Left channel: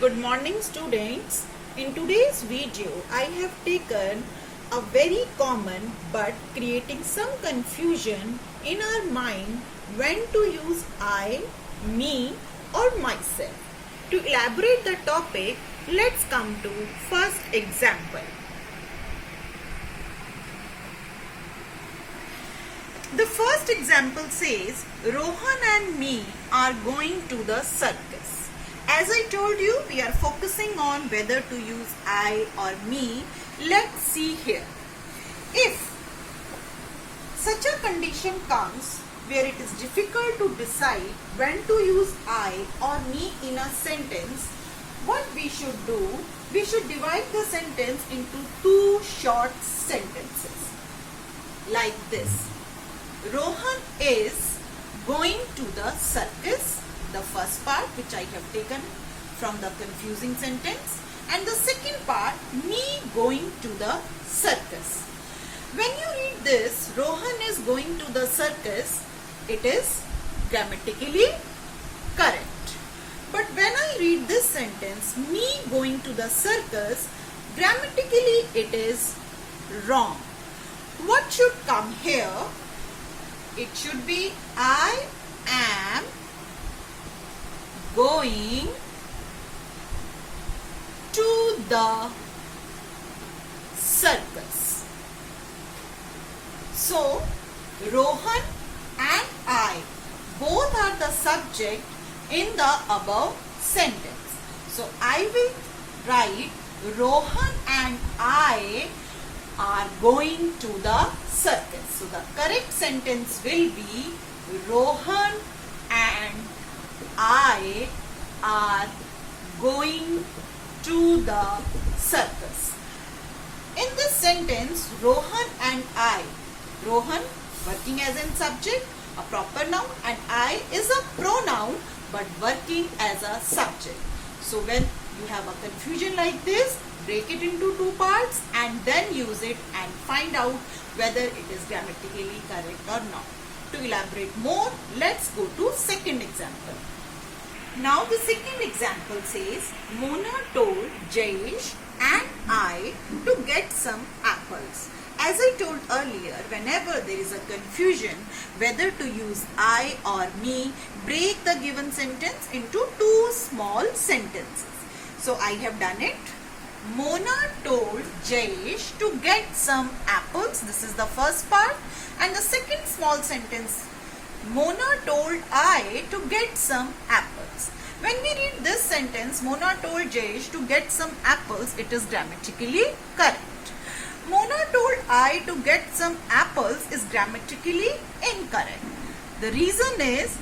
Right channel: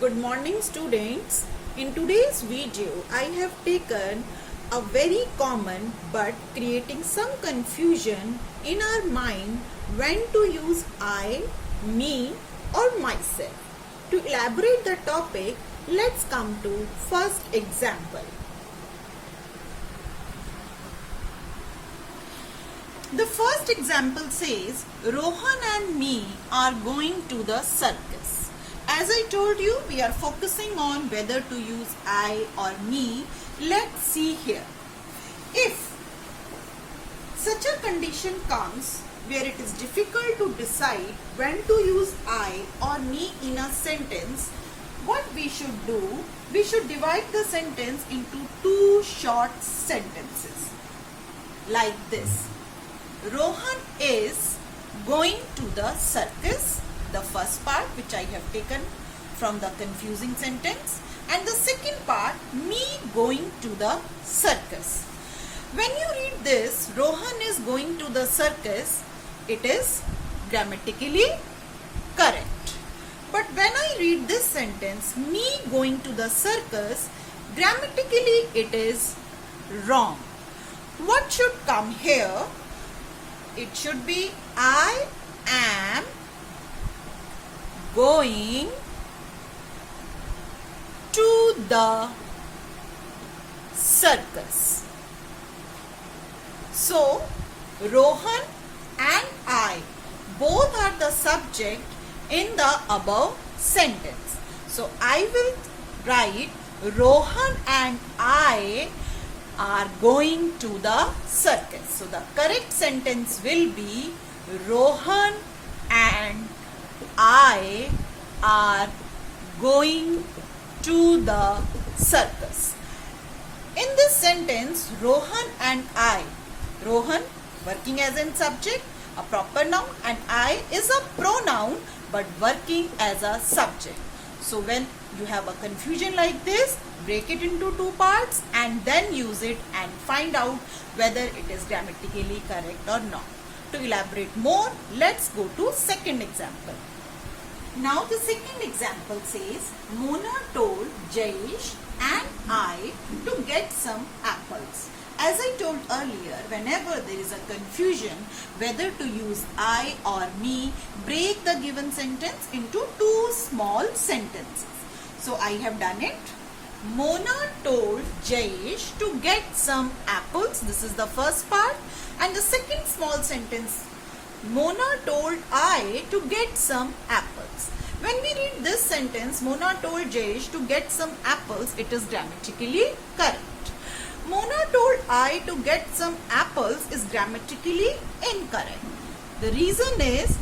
Good morning students. In today's video I have taken a very common but creating some confusion in our mind when to use I, me or myself. To elaborate the topic, let's come to first example. The first example says Rohan and me are going to the circus. As I told you, we are focusing on whether to use I or me. Let's see here. If such a condition comes where it is difficult to decide when to use I or me in a sentence, what we should do, we should divide the sentence into two short sentences like this. Rohan is going to the circus, the first part which I have taken from the confusing sentence, and the second part, me going to the circus. When you read this, Rohan is going to the circus, it is grammatically correct. But when I read this sentence, me going to the circus, grammatically it is wrong. What should come here? It should be I am going to the circus. So, Rohan and I both are the subject in the above sentence. So, I will write Rohan and I are going to the circus. So, the correct sentence will be Rohan and I are going to the circus. In this sentence, Rohan and I, Rohan working as a subject, a proper noun, and I is a pronoun but working as a subject. So when you have a confusion like this, break it into two parts and then use it and find out whether it is grammatically correct or not. To elaborate more, let's go to second example. Now the second example says, Mona told Jayesh and I to get some apples. As I told earlier, whenever there is a confusion whether to use I or me, break the given sentence into two small sentences. So I have done it. Mona told Jayesh to get some apples. This is the first part. And the second small sentence, Mona told I to get some apples. When we read this sentence, Mona told Jayesh to get some apples, it is grammatically correct. Mona told I to get some apples is grammatically incorrect. The reason is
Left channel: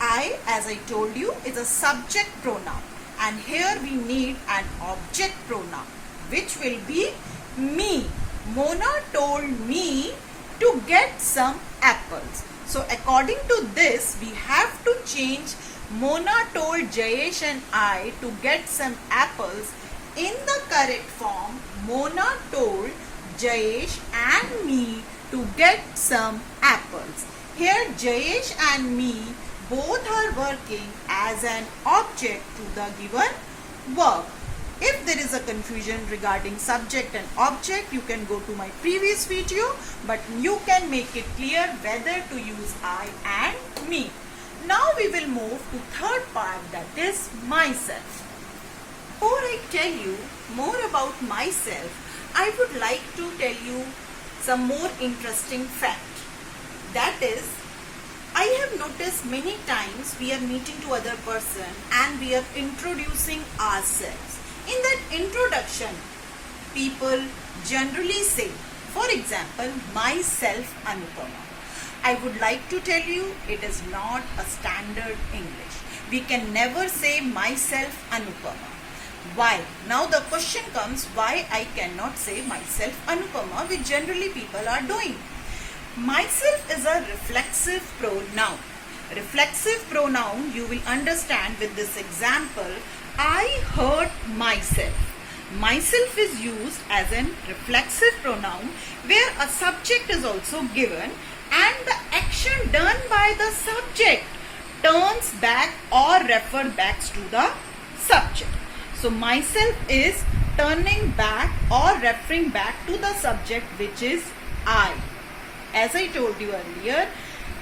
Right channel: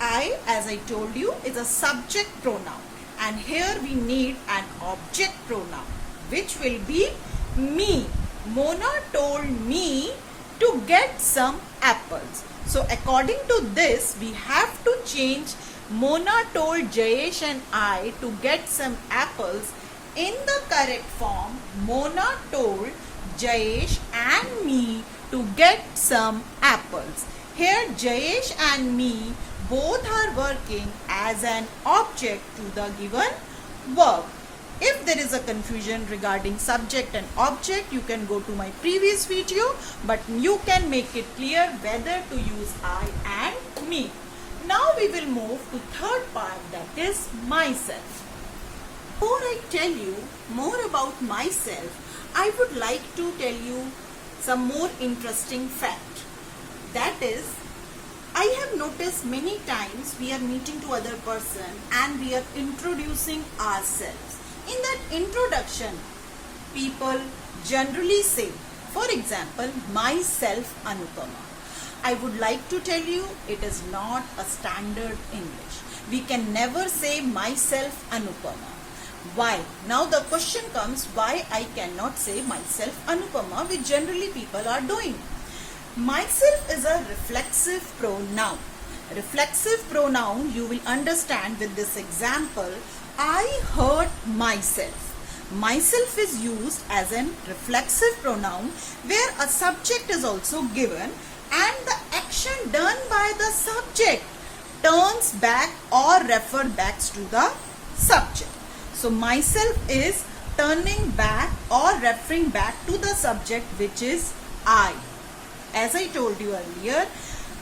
I, as I told you, is a subject pronoun. And here we need an object pronoun, which will be me. Mona told me to get some apples. So according to this, we have to change Mona told Jayesh and I to get some apples in the correct form. Mona told Jayesh and me to get some apples. Here Jayesh and me both are working as an object to the given verb. If there is a confusion regarding subject and object, you can go to my previous video, but you can make it clear whether to use I and me. Now we will move to third part, that is myself. Before I tell you more about myself, I would like to tell you some more interesting fact. That is, I have noticed many times we are meeting to other person and we are introducing ourselves. In that introduction, people generally say, for example, myself Anupama. I would like to tell you it is not a standard English. We can never say myself Anupama. Why? Now the question comes, why I cannot say myself Anupama, which generally people are doing. Myself is a reflexive pronoun. Reflexive pronoun you will understand with this example. I hurt myself. Myself is used as an reflexive pronoun where a subject is also given and the action done by the subject turns back or refer back to the subject. So myself is turning back or referring back to the subject, which is I. As I told you earlier,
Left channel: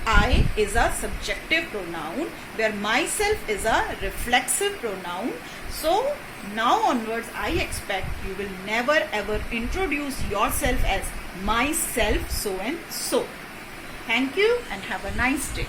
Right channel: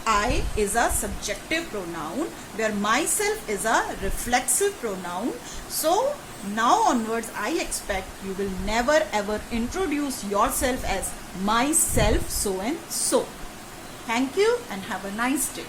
I is a subjective pronoun where myself is a reflexive pronoun. So now onwards, I expect you will never ever introduce yourself as myself so and so. Thank you and have a nice day.